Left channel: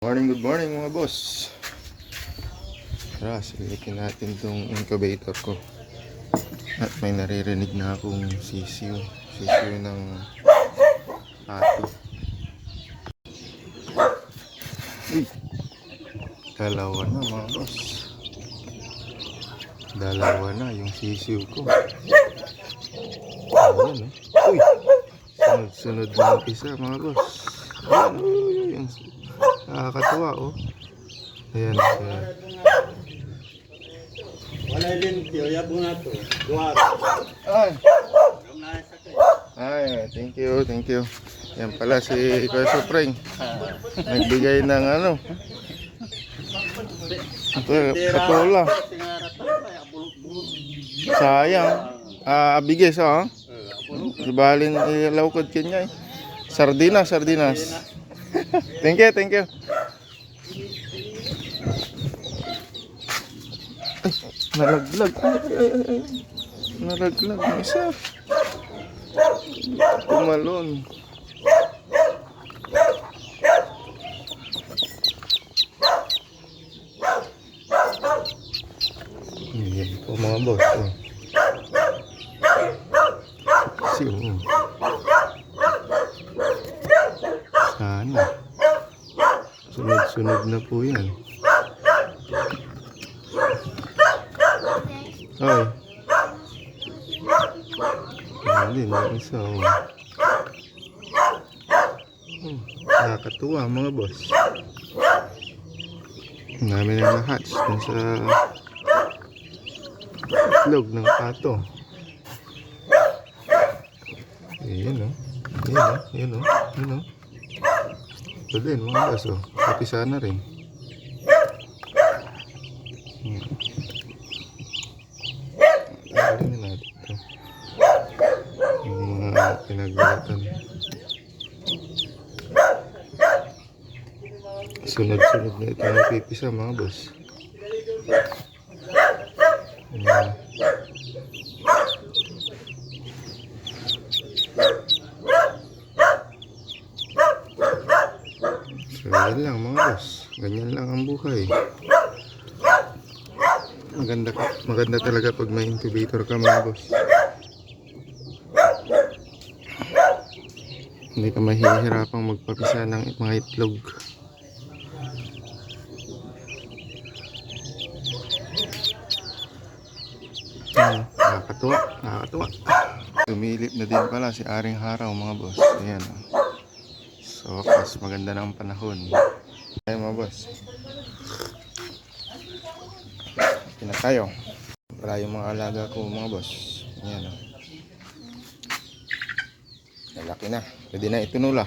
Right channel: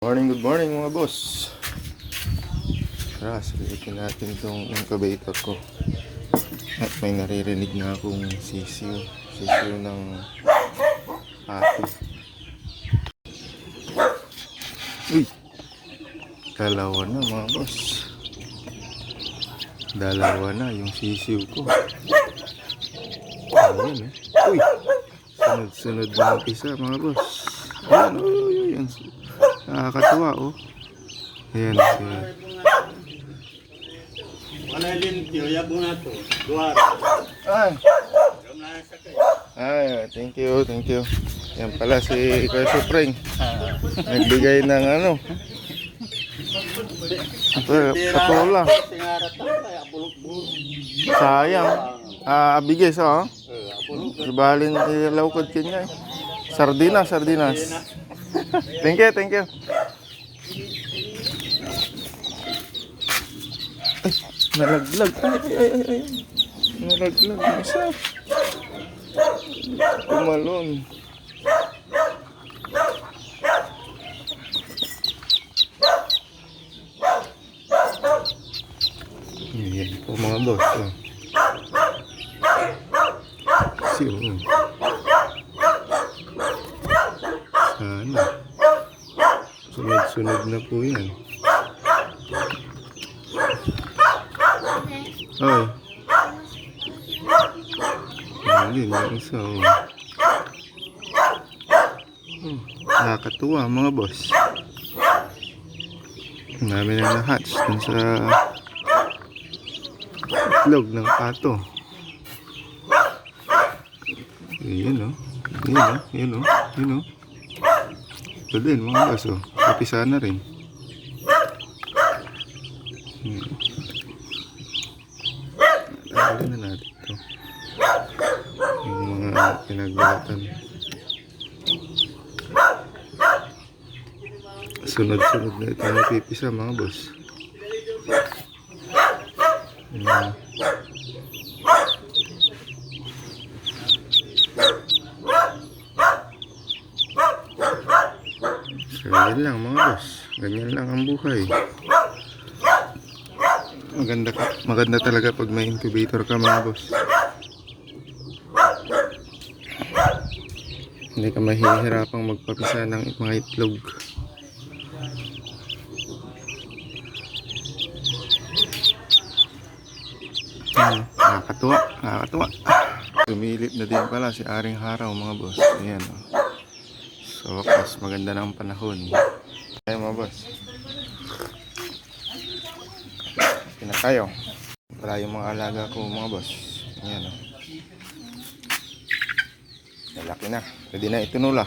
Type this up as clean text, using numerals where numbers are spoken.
Good morning mga boss. Tara, silitin natin tong incubator ko. At may naririnig na akong sisiw. Sisiw ng pato. Uy! Dalawa na mga boss. Dalawa na yung sisiw ko. Ayan eh. Uy! Sunod-sunod na umpisa mga boss. Ayan, uy, ayan. Nakakatuwa oh. Ayan. Wala din kiyo bunga to. Duar. Ay, thank you. Yan pala si Kuya Supreng. Nagbigay ng ano. Patola. Sayang. Bigay sa ibalin ilawkod kanya eh. Sardinas. Thank you. Ay, nalaglag. Ay. Nalaglag na siya. Tumalon. Ayan po mga boss. Siyo. Sana. Sunod-sunod na po yan. Ay. Ayun, yung isa oh. Nakakatuwa mga boss. Namin na na-hatch dun sa itlog ng pato. Yun oh. Ito din mga boss oh. Kapisa na rin. Tawagin na natin ito. Yung mga pinagbalatan. Sunod-sunod na ito napipisa mga boss. So yan lang mga boss. Ganyan lang ang buhay. Maganda talaga pag may incubator ka mga boss. Hindi ka mahihirapang magpapisa ng mga itlog. Nakakatuwa. Tumilip na din pala si Aring Haraw mga boss. Ayan oh. So wakas maganda ng panahon. Ayan mga boss. Na tayo para yung mga alaga ko mga boss. Ayan o. Malaki na. Pwede na itunula.